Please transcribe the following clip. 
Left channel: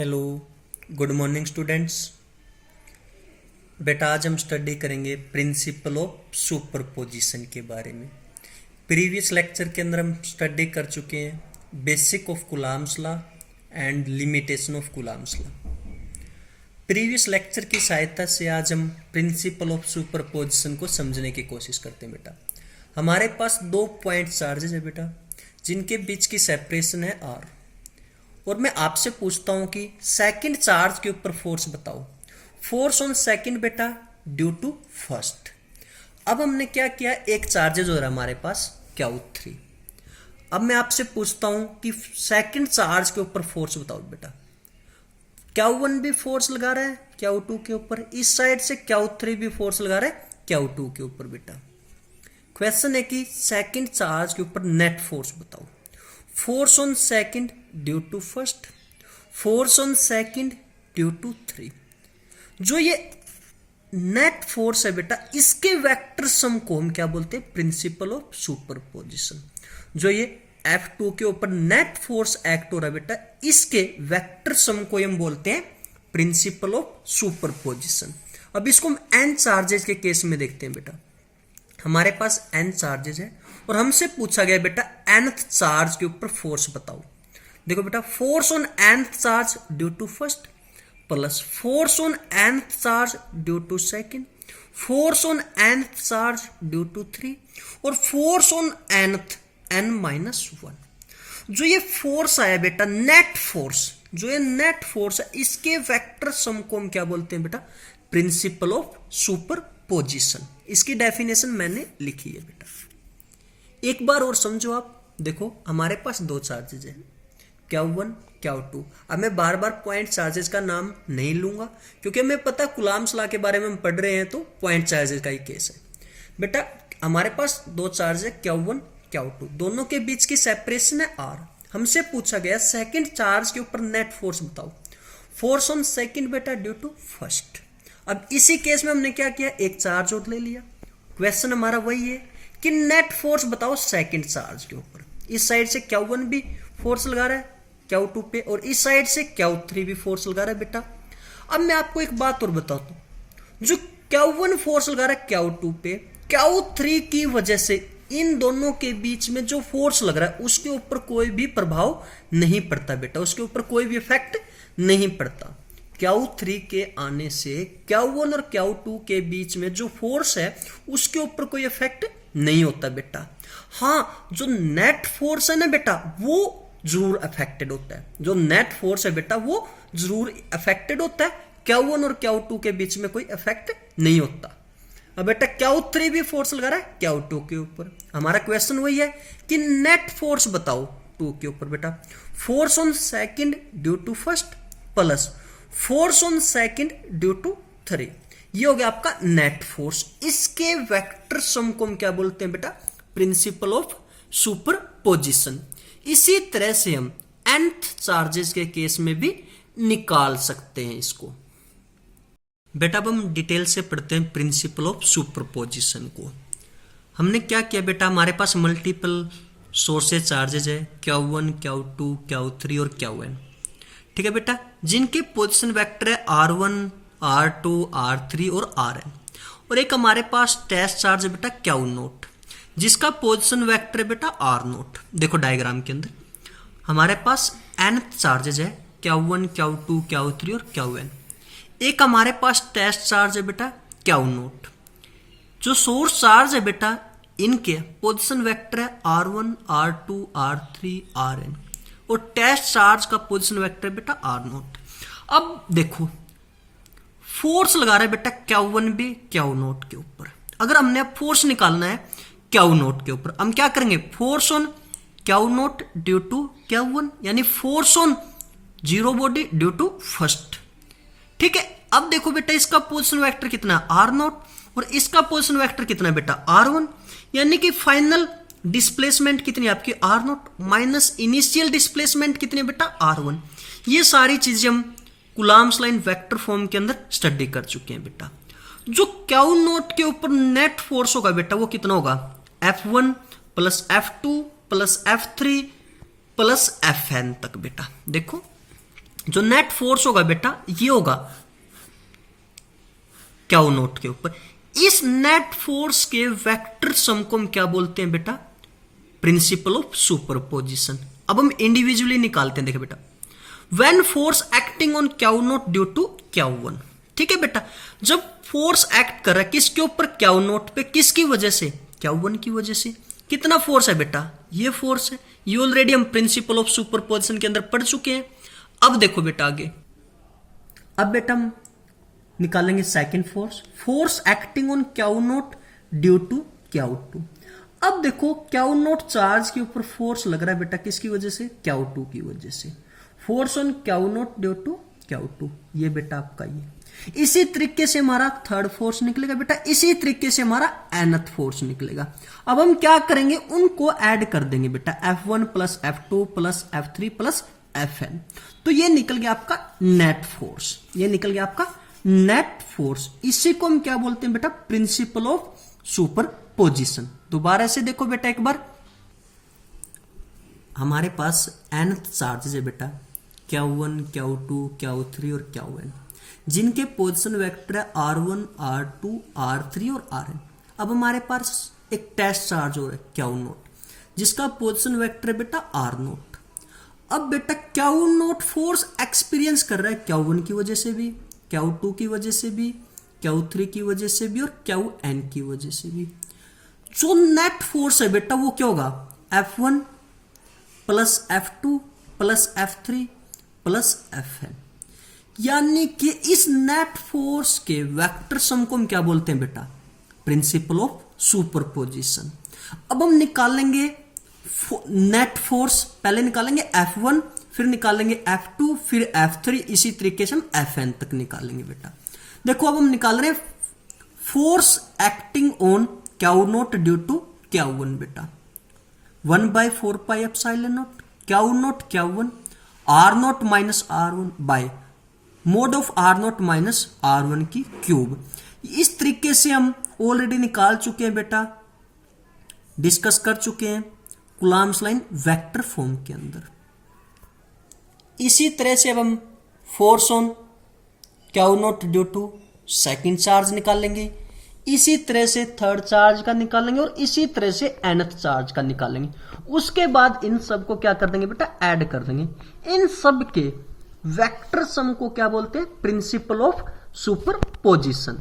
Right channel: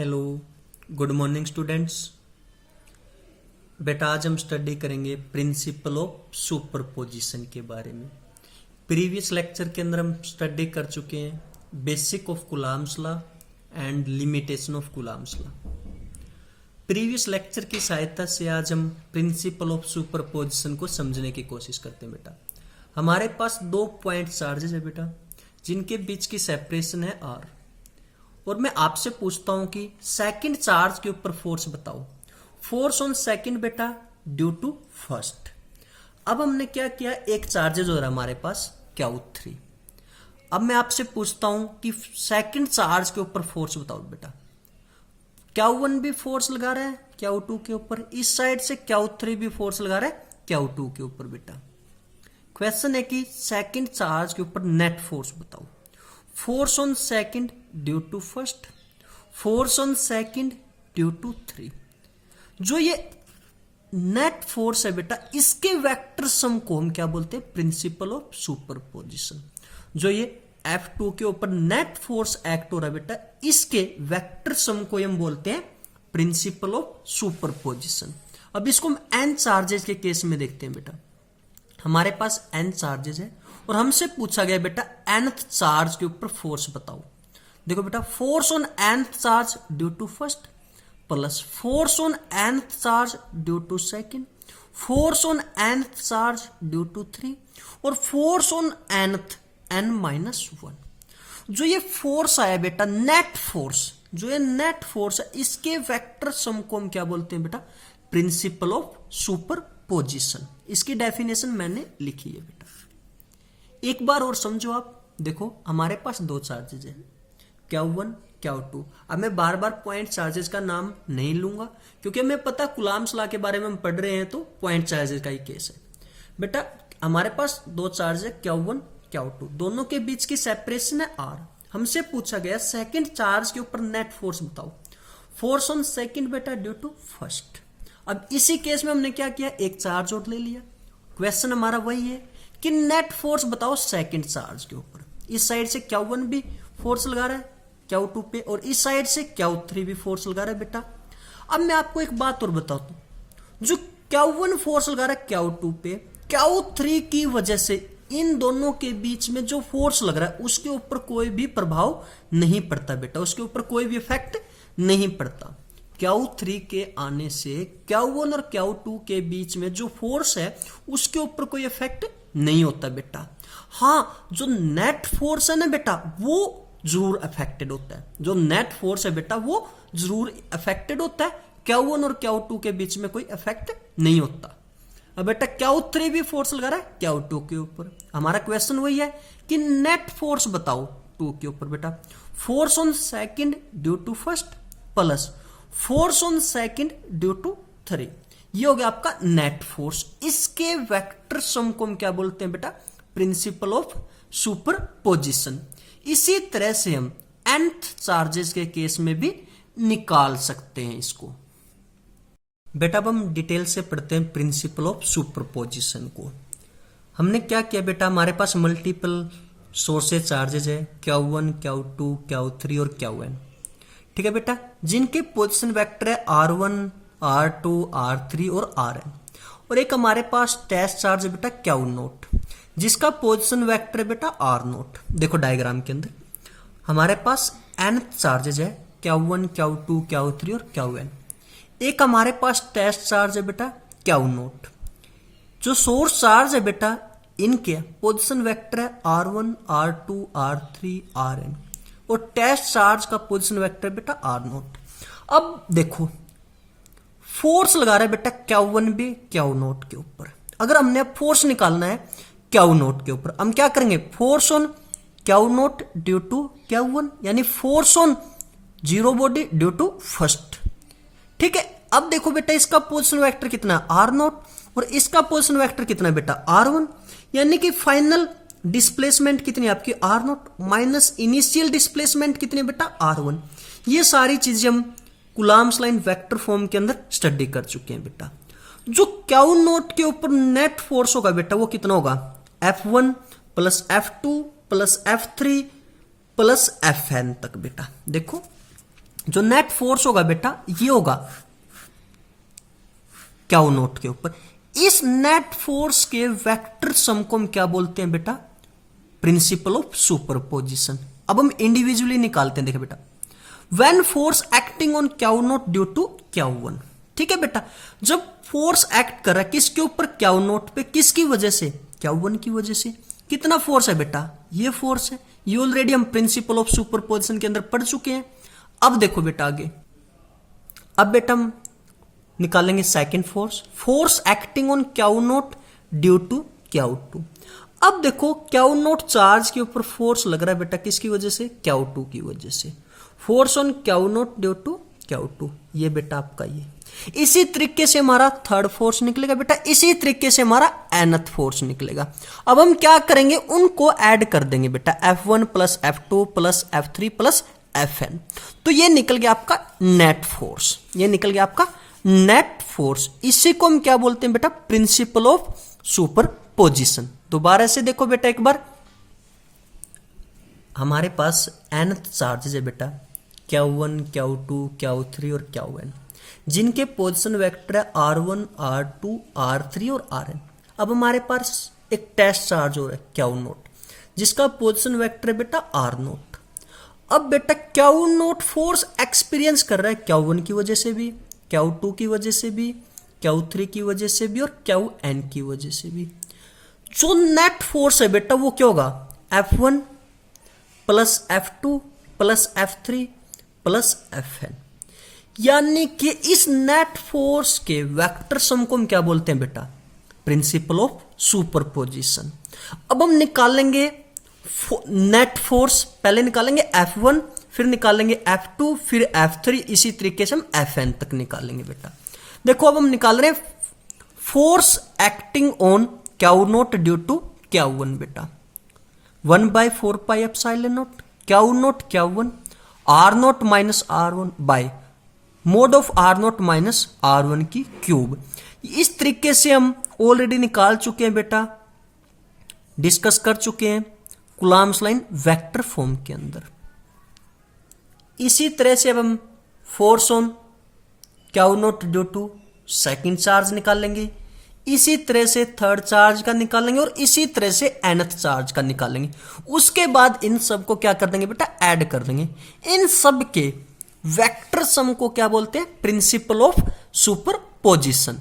Hello, good morning students. बेटा आज हम स्टडी करेंगे प्रिंसिपल ऑफ सुपरपोजिशन के बारे में। प्रीवियस लेक्चर के अंदर हम स्टडी कर चुके हैं basic of Coulomb's law and limitation of Coulomb's law. Previous lecture की सहायता से आज हम प्रिंसिपल ऑफ सुपरपोजिशन को समझने की कोशिश करते हैं। बेटा हमारे पास दो पॉइंट चार्जेस है बेटा, जिनके बीच की सेपरेशन है r, और मैं आपसे पूछता हूं कि सेकंड चार्ज के ऊपर फोर्स बताओ। फोर्स ऑन सेकंड बेटा ड्यू टू फर्स्ट। अब हमने क्या किया, एक चार्जेज हो रहा है हमारे पास Q3। अब मैं आपसे पूछता हूं कि सेकंड चार्ज के ऊपर फोर्स बताओ बेटा। Q1 भी फोर्स लगा रहा है Q2 के ऊपर, इस साइड से Q3 भी फोर्स लगा रहा है Q2 के ऊपर। बेटा क्वेश्चन है कि सेकंड चार्ज के ऊपर नेट फोर्स बताओ। Force on second due to first, force on second due to three. जो ये नेट फोर्स है बेटा, इसके वेक्टर सम को हम क्या बोलते हैं, प्रिंसिपल ऑफ सुपरपोजिशन। जो ये F2 के ऊपर नेट फोर्स एक्ट हो रहा है बेटा, इसके वेक्टर सम को हम बोलते हैं प्रिंसिपल ऑफ सुपरपोजिशन। अब इसको हम n चार्जेस के केस में देखते हैं। बेटा हमारे पास n चार्जेस है और हमसे पूछा गया बेटा nth चार्ज के ऊपर फोर्स बताओ। देखो बेटा, force on nth charge due to first plus force on nth charge due to second, force on nth charge due to three, और फोर्स ऑन nth n-1। जो ये फोर्स आया बेटा नेट फोर्स, जो ये नेट फोर्स है, इसके vector sum को हम क्या बोलते हैं बेटा, प्रिंसिपल ऑफ सुपरपोजिशन। इसकी डेफिनेशन मैंने लिखी है बेटा, एक बार और समझो आप। देखो हमारे पास दो चार्जेज है Q1 Q2। अब मैं बार बार पॉइंट चार्जेस का नाम नहीं लूंगा, क्योंकि हमें पता कूलम्ब्स लॉ के बारे में हम पढ़ रहे हैं, तो पॉइंट चार्जेस का ही केस है। बेटा हमारे पास दो चार्ज है Q1 Q2, दोनों के बीच की सेपरेशन है r। हमसे पूछा गया सेकंड चार्ज के ऊपर नेट फोर्स बताओ। फोर्स ऑन सेकंड बेटा ड्यू टू फर्स्ट। अब इसी केस में हमने क्या किया, एक चार्ज और ले लिया। क्वेश्चन हमारा वही है कि नेट फोर्स बताओ सेकंड चार्ज के ऊपर। इस साइड से Q1 भी फोर्स लगा रहा है Q2 पे, और इस साइड से Q3 भी फोर्स लगा रहा है बेटा। अब मैं आपको एक बात और बताता हूं, जो Q1 फोर्स लगा रहा है Q2 पे, Q3 की वजह से इन दोनों के बीच में जो फोर्स लग रहा है उसके ऊपर कोई भी प्रभाव नहीं पड़ता बेटा, उसके ऊपर कोई भी इफेक्ट नहीं पड़ता। Q3 के आने से Q1 और Q2 के बीच में जो फोर्स है उसके ऊपर कोई इफेक्ट नहीं होता बेटा। हाँ, जो नेट फोर्स है ना बेटा, वो जरूर अफेक्टेड होता है। जो नेट फोर्स है बेटा वो जरूर अफेक्टेड होता है, Q1 और Q2 के बीच में कोई इफेक्ट नहीं होता। अब बेटा Q3 भी फोर्स लगा रहा है Q2 के ऊपर। हमारा क्वेश्चन वही है कि नेट फोर्स बताओ 2 के ऊपर। बेटा force on second due to first plus force on second due to three, ये हो गया आपका नेट फोर्स। इसके वेक्टर सम को हम क्या बोलते हैं बेटा, प्रिंसिपल ऑफ सुपरपोजिशन। इसी तरह से हम nth चार्जेस के केस में भी निकाल सकते हैं इसको। बेटा अब हम डिटेल से पढ़ते हैं प्रिंसिपल ऑफ सुपरपोजिशन को। हमने क्या किया बेटा, हमारे पास मल्टीपल सोर्सेज चार्जेज है Q1 Q2 Q3 और Qn। ठीक है बेटा, जिनके पोजिशन वेक्टर है R1 R2 R3 और Rn, और एक हमारे पास टेस्ट चार्ज है बेटा Q0, जिसका पोजिशन वेक्टर है बेटा R0। देखो डायग्राम के अंदर हमारे पास n चार्जेज है Q1 Q2 Q3 और Qn। एक हमारे पास टेस्ट चार्ज है बेटा Q0। जो सोर्स चार्ज है बेटा, इनके पोजिशन वेक्टर है R1 R2 R3 Rn, और टेस्ट चार्ज का पोजिशन वेक्टर है बेटा R0। अब देखो फोर्स लगा रहा है बेटा Q1 भी Q0 के ऊपर। अगर हमने फोर्स निकालना है Q0 के ऊपर, हम क्या करेंगे, force on Q0 due to Q1, यानी force on zero body due to first. ठीक है, अब देखो बेटा इसका पोजिशन वेक्टर कितना है R0, और इसका पोजिशन वेक्टर कितना है बेटा R1, यानी कि फाइनल डिस्प्लेसमेंट कितनी है आपकी R0 माइनस इनिशियल डिस्प्लेसमेंट कितनी है बेटा R1। ये सारी चीजें हम कूलम्ब्स लाइन वेक्टर फॉर्म के अंदर स्टडी कर चुके हैं बेटा। जो Q0 के ऊपर नेट फोर्स होगा बेटा वो कितना होगा, F1 plus F2 plus F3 plus Fn तक। बेटा देखो जो नेट फोर्स होगा बेटा ये होगा क्यू नोट के ऊपर। इस नेट फोर्स के वेक्टर सम को हम क्या बोलते हैं बेटा, प्रिंसिपल ऑफ सुपरपोजिशन। अब हम इंडिविजुअली निकालते हैं। देखो बेटा, when force acting on Q naught due to Q one, ठीक है बेटा, जब फोर्स एक्ट कर रहा है किसके ऊपर, क्यू नोट पे, किसकी वजह से, क्यू वन की वजह से। कितना फोर्स है बेटा, ये फोर्स है, ये ऑलरेडी हम प्रिंसिपल ऑफ सुपरपोजिशन के अंदर पढ़ चुके हैं। अब देखो बेटा आगे, अब बेटा हम निकालेंगे second force, force acting on Q naught due to Q two. अब देखो क्यू नोट चार्ज के ऊपर फोर्स लग रहा है बेटा किसकी वजह से, क्यू टू की वजह से। Force on Q naught due to Q two, ये बेटा आपका ये। इसी तरीके से हमारा थर्ड फोर्स निकलेगा बेटा, इसी तरीके से हमारा nth फोर्स निकलेगा। अब हम क्या करेंगे, उनको ऐड कर देंगे बेटा, F1 plus F2 plus F3 plus Fn। तो ये निकल गया आपका नेट फोर्स, ये निकल गया आपका नेट फोर्स। इसी को हम क्या बोलते हैं बेटा, प्रिंसिपल ऑफ सुपरपोजिशन। दोबारा से देखो बेटा एक बार, हमारे पास nth चार्जेस है बेटा, Q1 Q2 Q3 और Qn, जिनके पोजीशन वेक्टर है R1 R2 R3 और Rn। अब हमारे पास एक टेस्ट चार्ज हो रहा है क्यू नोट, जिसका पोजीशन वेक्टर है बेटा R0। अब बेटा क्यू नोट फोर्स एक्सपीरियंस कर रहा है Q1 की वजह से भी, Q2 की वजह से भी, Q3 की वजह से भी और Qn की वजह से भी। जो नेट फोर्स है बेटा वो क्या होगा, F1 plus F2 plus F3 plus Fn। यानी कि इस नेट फोर्स के वेक्टर सम को हम क्या बोलते हैं बेटा, प्रिंसिपल ऑफ सुपरपोजिशन। अब हम निकालेंगे नेट फोर्स, पहले निकालेंगे F1, फिर निकालेंगे F2, फिर F3, इसी तरीके से हम Fn तक निकालेंगे बेटा। देखो अब हम निकाल रहे हैं force acting on Q naught due to Q one बेटा, 1/4 pi epsilon naught Q naught Q one R naught minus R one by mod of R naught minus R one की क्यूब। इस तरीके से हम ऑलरेडी निकाल चुके हैं बेटा, डिस्कस कर चुके हैं कूलम्ब्स लाइन वेक्टर फॉर्म के अंदर। इसी तरह से अब हम force on Q naught due to second charge निकालेंगे, इसी तरह से थर्ड चार्ज का निकालेंगे और इसी तरह से nth चार्ज का निकालेंगे। उसके बाद इन सब को क्या कर देंगे बेटा, ऐड कर देंगे। इन सब के वेक्टर सम को क्या बोलते हैं, प्रिंसिपल ऑफ सुपरपोजिशन।